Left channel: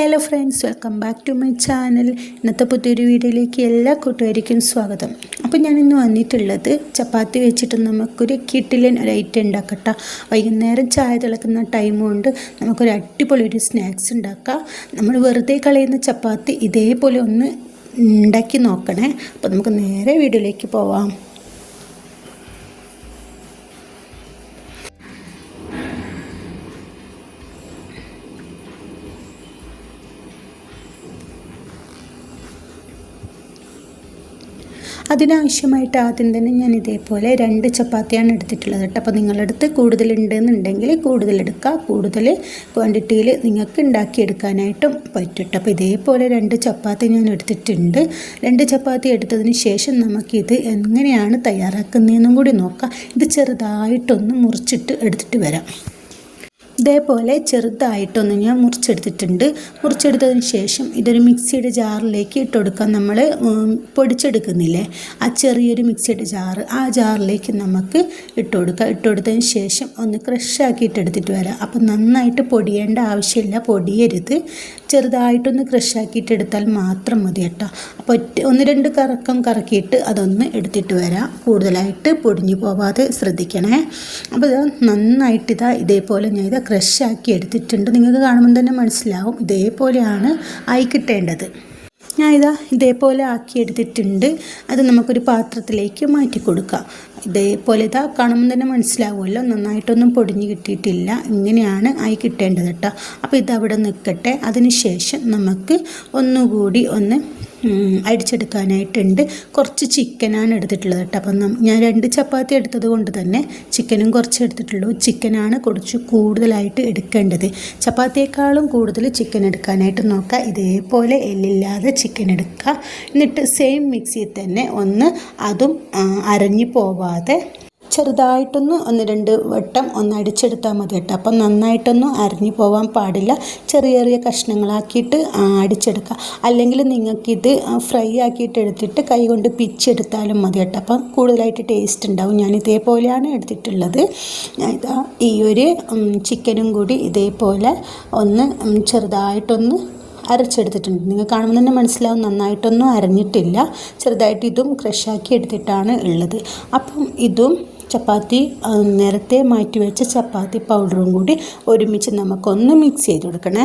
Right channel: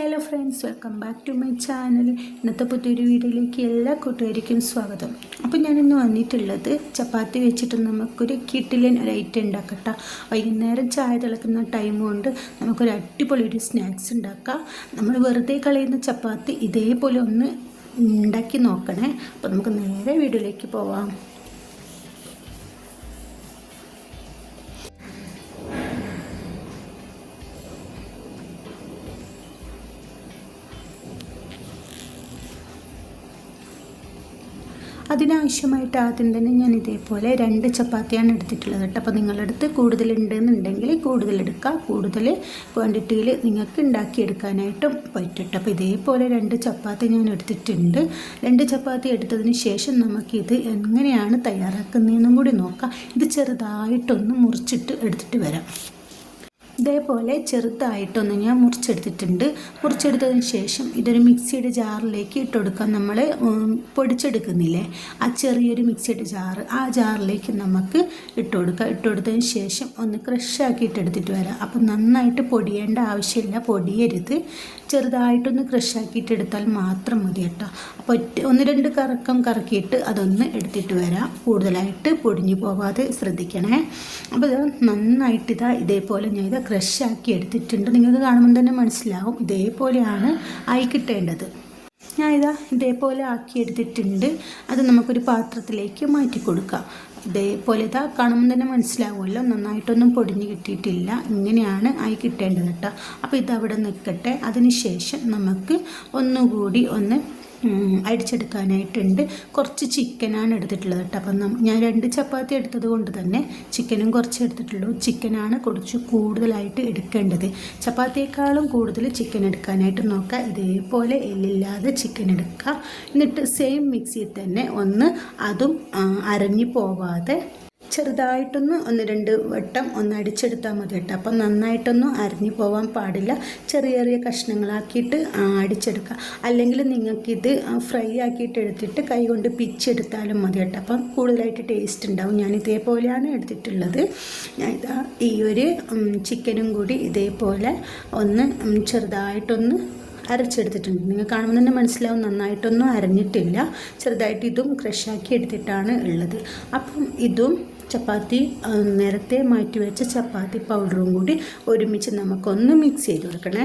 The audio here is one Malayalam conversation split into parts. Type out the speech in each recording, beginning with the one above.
Hello friends welcome back to my channel ഇന്നത്തെ പുതിയൊരു വീഡിയോയിലേക്ക് എല്ലാ കൂട്ടുകാർക്കും സ്വാഗതം. അപ്പോൾ ഞാനിന്ന് വന്നിട്ടുള്ളത് ചപ്പാത്തി വെച്ചിട്ട് നമുക്കൊരു കിട്ടിലൻ ഒരു ഐറ്റം ഉണ്ടാക്കട്ടെ. വൈകുന്നേരം ചായ തിളക്കുന്ന ടൈം കൊണ്ട് നമുക്കൊരു അടിപൊളി ഒരു സ്നാക്സ് ഉണ്ടാക്കാം. നമ്മൾ വെറുതെ കളയുന്ന ചപ്പാത്തി ഇതേപോലെ ഒന്ന് ഉണ്ടാക്കി നോക്കണേ. അപ്പോൾ നമുക്ക് നേരെ വീഡിയോയിലേക്ക് പോവാം. അതിനാവശ്യമായിട്ട് ആദ്യം തന്നെ ഞാൻ ഇതേപോലെ രണ്ട് ചപ്പാത്തിയാണ് എടുത്തിട്ടുള്ളത് കേട്ടോ. അപ്പോൾ നിങ്ങളടുത്ത് കൂടുതലുണ്ടെന്നുണ്ടെങ്കിൽ കൂടുതലെടുക്കുക കൂടുതൽ ക്വാണ്ടിറ്റിയിൽ നിങ്ങൾക്ക് ഉണ്ടാക്കിയെടുക്കാനായിട്ടും പറ്റും അപ്പോൾ ഇതേപോലെ രണ്ട് ചപ്പാത്തി ഞാൻ എടുത്തിട്ടുണ്ട്. രണ്ട് ചപ്പാത്തി എടുത്തതിന് ശേഷം നമുക്കിത് എങ്ങനെയാണ് തയ്യാറാക്കുന്നതെന്നും കൂടി നോക്കാം. ഇത് ചെറുതായിട്ടൊന്ന് മുറിച്ചിട്ട് എടുത്തിട്ട് വരാം. ഇതേപോലെ ചെറുതായിട്ടൊന്ന് ഞാൻ മുറിച്ചെടുത്തിട്ടുണ്ട്. മുറിച്ചെടുത്തതിന് ശേഷം ഇതൊരു മിക്സിയുടെ ജാറിലേക്ക് ഇട്ട് കൊടുക്കാം നമ്മൾ പൊടിച്ചെടുക്കുന്നില്ലേ? ആ ചെറിയൊരു മിക്സിയുടെ ജാറ് ആ ജാറിലേക്ക് നമുക്ക് ഇട്ട് കൊടുക്കാം. ഇട്ട് കൊടുത്തതിന് ശേഷം ഒന്ന് ക്രഷാക്കിയിട്ട് എടുത്തിട്ട് വരാം. അപ്പം നന്നായിട്ട് പൊടിയേണ്ട ആവശ്യമില്ല. പൊടിയരുത്. ചെറുതായിട്ടൊന്ന് ക്രഷാക്കിയിട്ട് എടുത്താൽ മാത്രം മതി കേട്ടോ. അപ്പോൾ ഒറ്റ ഒന്ന് രണ്ട് കറക്കം കറക്കിയിട്ട് അതൊന്ന് എടുത്തിട്ട് വരാം. കൂടുതലായിട്ട് പൊടിഞ്ഞു പോവാതെ ശ്രദ്ധിക്കണേ. അപ്പോൾ ഇത് നന്നായിട്ട് ഇതാ ഇതേപോലെ ഞാൻ ഇത് ക്രഷാക്കി എടുത്തിട്ടുണ്ട്. നിങ്ങൾക്ക് കാണുമ്പോൾ തന്നെ മനസ്സിലാവും ഇതേപോലെയാണ് ആയി കിട്ടേണ്ടത്. ഞാൻ ഇതാ ഇതേപോലെ ആക്കി എടുത്തിട്ടുണ്ട്. അത് നമുക്കൊരു പാത്രത്തിലേക്ക് മാറ്റി കൊടുക്കാം. ഇതേപോലെ ഇതാ കാണുമ്പോൾ തന്നെ മനസ്സിലാവുമല്ലോ. നന്നായിട്ടൊന്നും പൊടിഞ്ഞ് കിട്ടിയിട്ടില്ല. ഇങ്ങനെയാണ് ആയി കിട്ടേണ്ടത് കേട്ടോ. അപ്പോൾ ഇതവിടെ നിൽക്കട്ടെ. അതിന് ശേഷം നമുക്ക് ഒന്നുകൂടി ഒന്ന് അടിച്ചെടുക്കാനായിട്ടുണ്ട് കുറച്ച് ചിക്കനാണ് എടുത്തിട്ടുള്ളത് കേട്ടോ. അപ്പം ഞാൻ രണ്ട് ചപ്പാത്തി എടുത്തത് കൊണ്ട് തന്നെ ചിക്കനും കുറച്ച് എടുത്തിട്ടുള്ളൂ. ചിക്കനാണ് കുറച്ച് കൂടുതലായിട്ട് എടുക്കേണ്ടത്. ചപ്പാത്തിയേക്കാളും കൂടുതൽ ചിക്കൻ എടുക്കാനായിട്ട് നോക്കുക. ഇതേപോലെ എല്ലില്ലാതെ ചിക്കൻ എടുക്കുക. എന്നിട്ട് സെയിം മിക്സിയിൽ തന്നെ ഒന്ന് അതും അരഞ്ഞു പോവാതെ ചെറുതായിട്ടൊന്ന് ഒന്ന് രണ്ട് വട്ടം ഒന്ന് അടിച്ചെടുത്താൽ മതി കേട്ടോ. അപ്പം നന്നായിട്ടൊന്നും അരിഞ്ഞു പോകാൻ പാടില്ല. ചെറിയ ചെറിയ കഷ്ണങ്ങളാക്കിയിട്ട് അടിച്ചെടുക്കുക അല്ലെങ്കിൽ നിങ്ങൾക്കിത് ഫ്രൈ ആക്കിയിട്ട് എടുത്തിട്ട് കൈ കൊണ്ട് പിച്ചെടുത്താലും മതി കേട്ടോ. അപ്പം കൂടുതലായിട്ട് ടേസ്റ്റ് ഉണ്ടാവും. ഞാൻ ഇതേപോലെയാണ് എടുത്തിട്ടുള്ളത്. ഈ ഒരു ചിക്കനും കൂടി ഇതേപോലെ ഒന്ന് ചെറുതായിട്ടൊന്ന് അരച്ചെടുത്തിട്ടുണ്ട്. നിങ്ങൾ കാണുമ്പോൾ തന്നെ മനസ്സിലാവും നന്നായിട്ടൊന്നും അരഞ്ഞിട്ടില്ല. ചെറുതായിട്ട് ഇതും ക്രഷാക്കി എടുത്തിട്ടാണ് ഉള്ളത്. അപ്പം ഇതും ചപ്പാത്തി നേരത്തെ മാറ്റി വെച്ച ചപ്പാത്തി പൗഡറും കൂടി ഒരുമിച്ച് നമുക്കൊന്ന് മിക്സ് ചെയ്ത് കൊടുക്കണേ.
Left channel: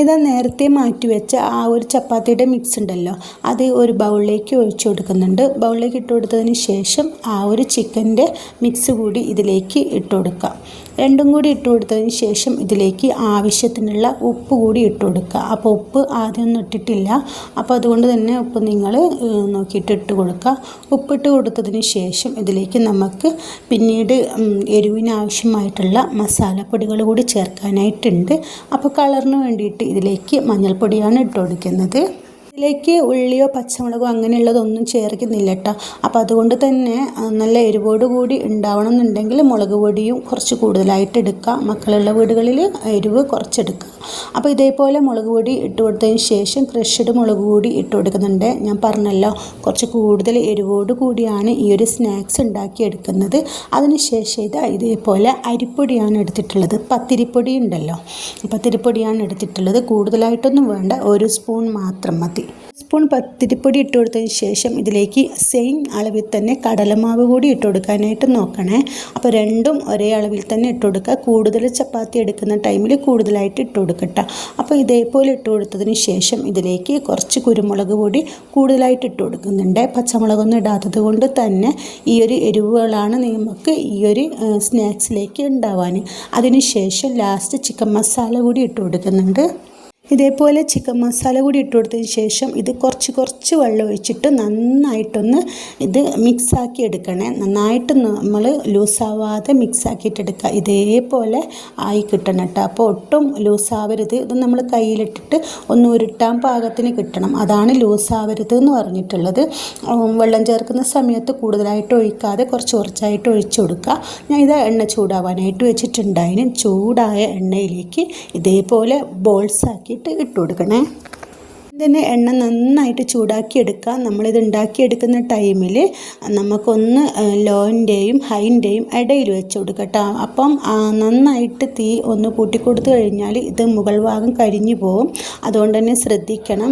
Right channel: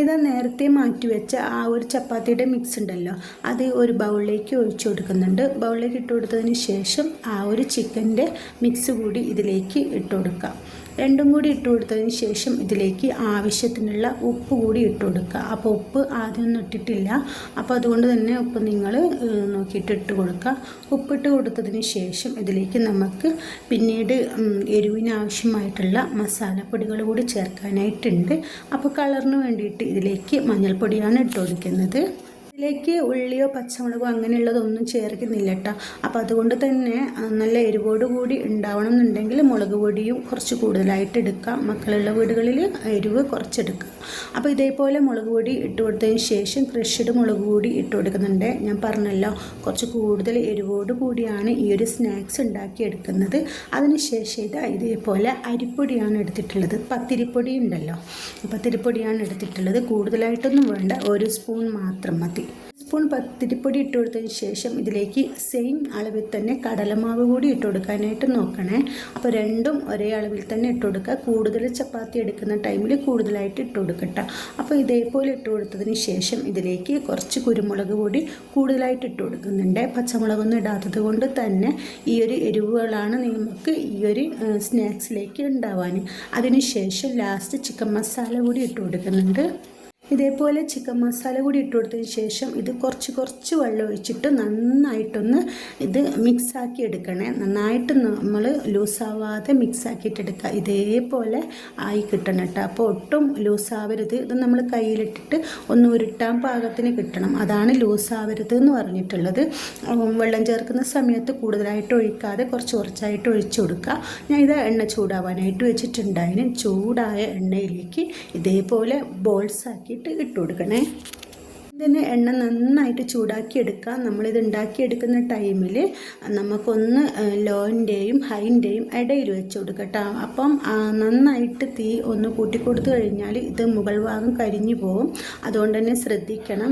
ഇതാ നേരത്തെ മാറ്റി വെച്ച ആ ഒരു ചപ്പാത്തിയുടെ മിക്സ് ഉണ്ടല്ലോ. അത് ഒരു ബൗളിലേക്ക് ഒഴിച്ചു കൊടുക്കുന്നുണ്ട്. ബൗളിലേക്ക് ഇട്ട് കൊടുത്തതിന് ശേഷം ആ ഒരു ചിക്കന്റെ മിക്സ് കൂടി ഇതിലേക്ക് ഇട്ട് കൊടുക്കാം. രണ്ടും കൂടി ഇട്ട് കൊടുത്തതിന് ശേഷം ഇതിലേക്ക് ആവശ്യത്തിനുള്ള ഉപ്പ് കൂടി ഇട്ട് കൊടുക്കുക. അപ്പോൾ ഉപ്പ് ആദ്യമൊന്നും ഇട്ടിട്ടില്ല. അപ്പോൾ അതുകൊണ്ട് തന്നെ ഉപ്പ് നിങ്ങൾ നോക്കിയിട്ട് ഇട്ട് കൊടുക്കുക. ഉപ്പിട്ട് കൊടുത്തതിന് ശേഷം ഇതിലേക്ക് നമുക്ക് പിന്നീട് എരിവിനാവശ്യമായിട്ടുള്ള മസാലപ്പൊടികൾ കൂടി ചേർക്കാനായിട്ടുണ്ട്. അപ്പോൾ കളറിന് വേണ്ടിയിട്ട് ഇതിലേക്ക് മഞ്ഞൾപ്പൊടിയാണ് ഇട്ട് കൊടുക്കുന്നത്. ഇതിലേക്ക് ഉള്ളിയോ പച്ചമുളകോ അങ്ങനെയുള്ളതൊന്നും ചേർക്കുന്നില്ല കേട്ടോ അപ്പോൾ അതുകൊണ്ട് തന്നെ നല്ല എരിവോട് കൂടി ഉണ്ടാവണം എന്നുണ്ടെങ്കിൽ മുളക് പൊടിയും കുറച്ച് കൂടുതലായിട്ട് എടുക്കുക മക്കളുള്ള വീടുകളിൽ എരിവ് കുറച്ചെടുക്കുക. അപ്പോൾ ഇതേപോലെ മുളക് പൊടി ഇട്ട് കൊടുത്തതിന് ശേഷം ക്രഷ്ഡ് മുളക് പൊടി ഇട്ട് കൊടുക്കുന്നുണ്ട്. ഞാൻ പറഞ്ഞല്ലോ കുറച്ച് കൂടുതൽ എരിവോട് കൂടിയാണ് ഈ ഒരു സ്നാക്സ് ഉണ്ടാക്കി എടുക്കുന്നത്. അതിനുശേഷം ഇത് ഇതേപോലെ അരിപ്പൊടിയാണ് എടുത്തിട്ടുള്ളത്. പത്തിരിപ്പൊടി ഉണ്ടല്ലോ പത്തിരിപ്പൊടിയാണ് എടുത്തിട്ടുള്ളത്. കൂടുതലായിട്ടൊന്നും വേണ്ട ഒരു സ്പൂൺ മാത്രം മതി. സ്പൂൺ പത്തിരിപ്പൊടി ഇട്ട് കൊടുത്തതിന് ശേഷം ഇതിലേക്ക് സെയിം അളവിൽ തന്നെ കടലമാവ് കൂടി ഇട്ട് കൊടുക്കാനായിട്ട് നോക്കണേ. അപ്പോൾ രണ്ടും ഒരേ അളവിൽ തന്നെ ഇട്ട് കൊടുക്കുക. കൂടുതൽ ചപ്പാത്തി എടുക്കുന്ന ടൈമിൽ കൂടുതലായിട്ട് ഇട്ട് കൊടുക്കട്ടെ അപ്പോൾ ഇതേപോലെ ഇട്ട് കൊടുത്തതിന് ശേഷം ഇതിലേക്ക് കുറച്ച് കുരുമുളക് പൊടി കൂടുതലായിട്ട് ഇട്ട് കൊടുക്കുന്നുണ്ട്. പച്ചമുളകൊന്നും ഇടാത്തത് കൊണ്ട് തന്നെ ഈ ഒരു എരിവുകളാണ് നമുക്ക് ഈ ഒരു സ്നാക്സിലേക്ക് ഉണ്ടാവാൻ അതിനുശേഷം ലാസ്റ്റ് ചിക്കൻ മസാല കൂടി ഇട്ട് കൊടുക്കുന്നുണ്ട്. ഇതേപോലെ ചിക്കൻ മസാല കൂടി ഇട്ട് കൊടുത്തതിന് ശേഷം ഇത് കുറച്ച് കുറച്ച് വെള്ളം ഒഴിച്ചിട്ട് നന്നായിട്ടൊന്ന് ഇത് മിക്സാക്കി എടുക്കണേ. നന്നായിട്ട് നമ്മൾ ലൂസാവാതെ മിക്സാക്കിയിട്ട് എടുക്കുക ഇതേപോലെ ആയി കിട്ടണം കേട്ടോ. അപ്പോൾ ഒട്ടും ലൂസാവരുത്. ഇത് നമ്മൾ കയ്യിലിട്ടിട്ട് ഒന്ന് ഉരുട്ടാൻ പാകത്തിന് കിട്ടണം. അതാണ് ലൂസാവരുത് എന്ന് പറഞ്ഞിട്ടുള്ളത്. വെള്ളം ചേർക്കുന്ന സമയത്ത് കൂടുതലായിട്ട് ഒഴിക്കാതെ കുറച്ച് കുറച്ചായിട്ട് ഒഴിച്ചു കൊടുക്കുക. ഞാൻ ഇത് എണ്ണ ചൂടാവാനായിട്ട് വെച്ചിട്ടുണ്ടായിരുന്നു ചൂടായ എണ്ണയിലേക്ക് ഇതേപോലെ ബോൾസാക്കി ഇട്ട് ഇട്ട് കൊടുക്കണേ. ഇതിന് എണ്ണ നന്നായിട്ട് ചൂടാക്കി എടുക്കുക നമ്മളിത് ഉണ്ടാക്കിയെടുക്കുന്ന ടൈമിൽ നമുക്കൊന്ന് ലോന്റെയും ഹൈന്റെയും ഇടയിൽ വെച്ച് കൊടുക്കട്ടോ അപ്പം നന്നായിട്ട് തീ ഒന്ന് കൂട്ടിക്കൊടുത്തു കഴിഞ്ഞാൽ ഇത് മുകൾ ഭാഗം കരിഞ്ഞു പോകും അതുകൊണ്ട് തന്നെ ശ്രദ്ധിക്കണം.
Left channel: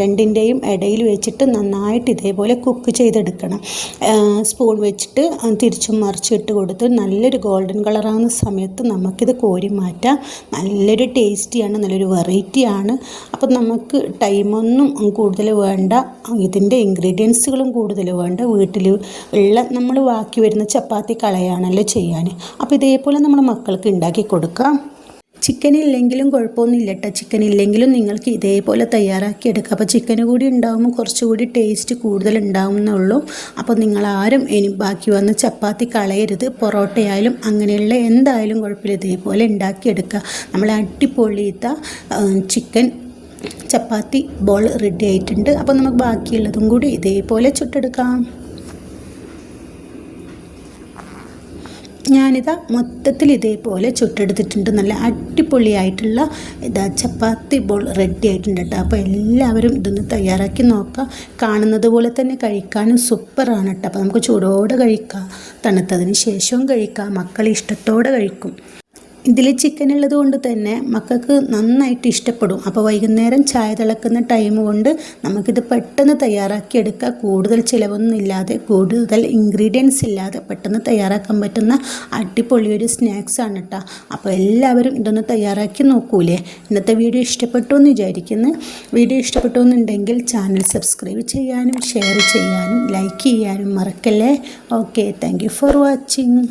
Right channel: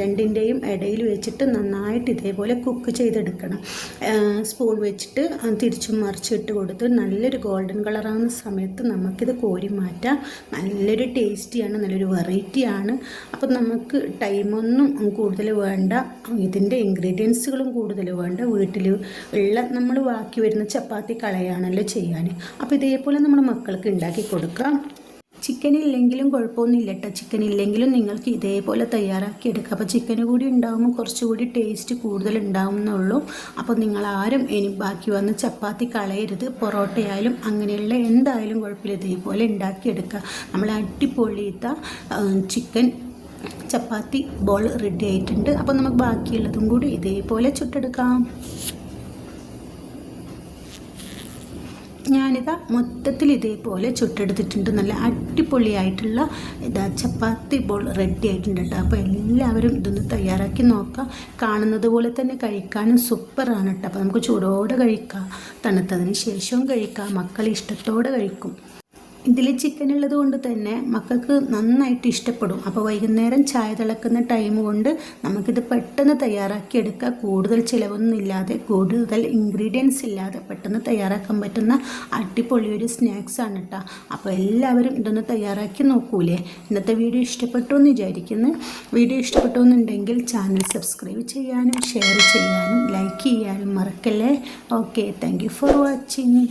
രണ്ടിന്റെയും ഇടയിൽ വെച്ചിട്ട് നന്നായിട്ട് ഇതേപോലെ കുക്ക് ചെയ്തെടുക്കണം. സ്പൂൺ വെച്ചിട്ട് തിരിച്ചും മറിച്ചിട്ട് കൊടുത്ത് നല്ലൊരു ഗോൾഡൻ കളറാകുന്ന സമയത്ത് നമുക്കിത് കോരി മാറ്റാം നല്ലൊരു ടേസ്റ്റിയാണ് നല്ലൊരു വെറൈറ്റിയാണ്. അപ്പം നമുക്ക് ടൈമൊന്നും കൂടുതൽ വേണ്ട. ഇതിന്റെ ഇൻഗ്രീഡിയൻസുകളും കൂടുതൽ വേണ്ട. വീട്ടിൽ ഉള്ള നമ്മൾ ബാക്കി വരുന്ന ചപ്പാത്തി കളയാണല്ലോ ചെയ്യാൻ. അപ്പോൾ ഇതേപോലെ നമ്മൾ മക്കൾക്ക് ഉണ്ടാക്കി കൊടുക്കാം. ചിക്കൻ ഇല്ലെങ്കിലും കുഴപ്പമൊന്നുമില്ല കേട്ടോ. ചിക്കൻ ഇല്ലെങ്കിലും നിങ്ങൾക്ക് ഇതേപോലെ തയ്യാറാക്കി എടുക്കാം. അപ്പോൾ ചിക്കൻ കൂടി ഉണ്ടാകുമ്പോൾ കുറച്ചുകൂടി ടേസ്റ്റ് കൂടുതൽ ഉണ്ടാവും എന്നുള്ളൂ. അപ്പോൾ നിങ്ങൾ ആരും ഇനി ബാക്കി വന്ന് ചപ്പാത്തി കളയരുത്. പൊറോട്ടയായാലും അങ്ങനെയുള്ള എന്തായാലും കുഴപ്പമില്ല. ഇതേപോലെ ഉണ്ടാക്കിയെടുക്കുക നമ്മൾ അടിപൊളിയത്ത ചിക്കൻ ചപ്പാത്തി ബോൾ റെഡി ആയിട്ടുണ്ട്. അപ്പോൾ നമുക്ക് ബാക്കിയുള്ളതും കൂടി ഇതേപോലെ ചുട്ടെടുക്കാം. ഞാനിതാ മൊത്തത്തിൽ ഇതേപോലെ ചുട്ടെടുത്തിട്ടുണ്ട്. നല്ല അടിപൊളിയായിട്ടുള്ള ഇതാ ചപ്പാത്തി ബോൾ റെഡി ആയിട്ടുണ്ട് കേട്ടോ. അപ്പോൾ എല്ലാവരും ഇതൊന്ന് തയ്യാറാക്കി നോക്കാം. കാണുന്നത് പോലെ തന്നെ കഴിക്കാനും സൂപ്പറാണ് കേട്ടോ. അപ്പോൾ നമുക്ക് ചൂടോടെ കഴിക്കാം. തണുത്തതിന് ശേഷവും കഴിക്കാം. മക്കൾ ഇഷ്ടത്തോടെ കഴിക്കും. ഇതിൽ ചിക്കൻ ഉള്ളത് കൊണ്ട് തന്നെ മക്കൾക്ക് നന്നായിട്ട് ഇഷ്ടപ്പെടും. അപ്പോൾ വൈകുന്നേരം ചായ തിളക്കുന്ന ടൈം കൊണ്ട് നമുക്കിത് പെട്ടെന്ന് തയ്യാറാക്കി എടുക്കുക കൂടുതൽ ചിലവൊന്നും ഇല്ലാതെ കൂടുതൽ ഇൻഗ്രീഡിയൻസ് ഇല്ലാതെ പെട്ടെന്ന് തയ്യാറാക്കാൻ പറ്റുന്ന അടിപൊളിയൊരു സ്നാക്സ് ആണ് കേട്ടോ അപ്പോൾ എല്ലാവരും ഇതൊന്ന് തയ്യാറാക്കി നോക്കൂലേ? ഇന്നത്തെ വീഡിയോ ഇഷ്ടപ്പെട്ടു എന്ന് വിചാരിക്കുന്നു. വീഡിയോ ഇഷ്ടപ്പെട്ടു എന്നുണ്ടെങ്കിൽ ചാനൽ സബ്സ്ക്രൈബ് ചെയ്യാനും ഷെയർ ചെയ്യാനും ലൈക്ക് ചെയ്യാനും മറക്കല്ലേ? Okay thank for watching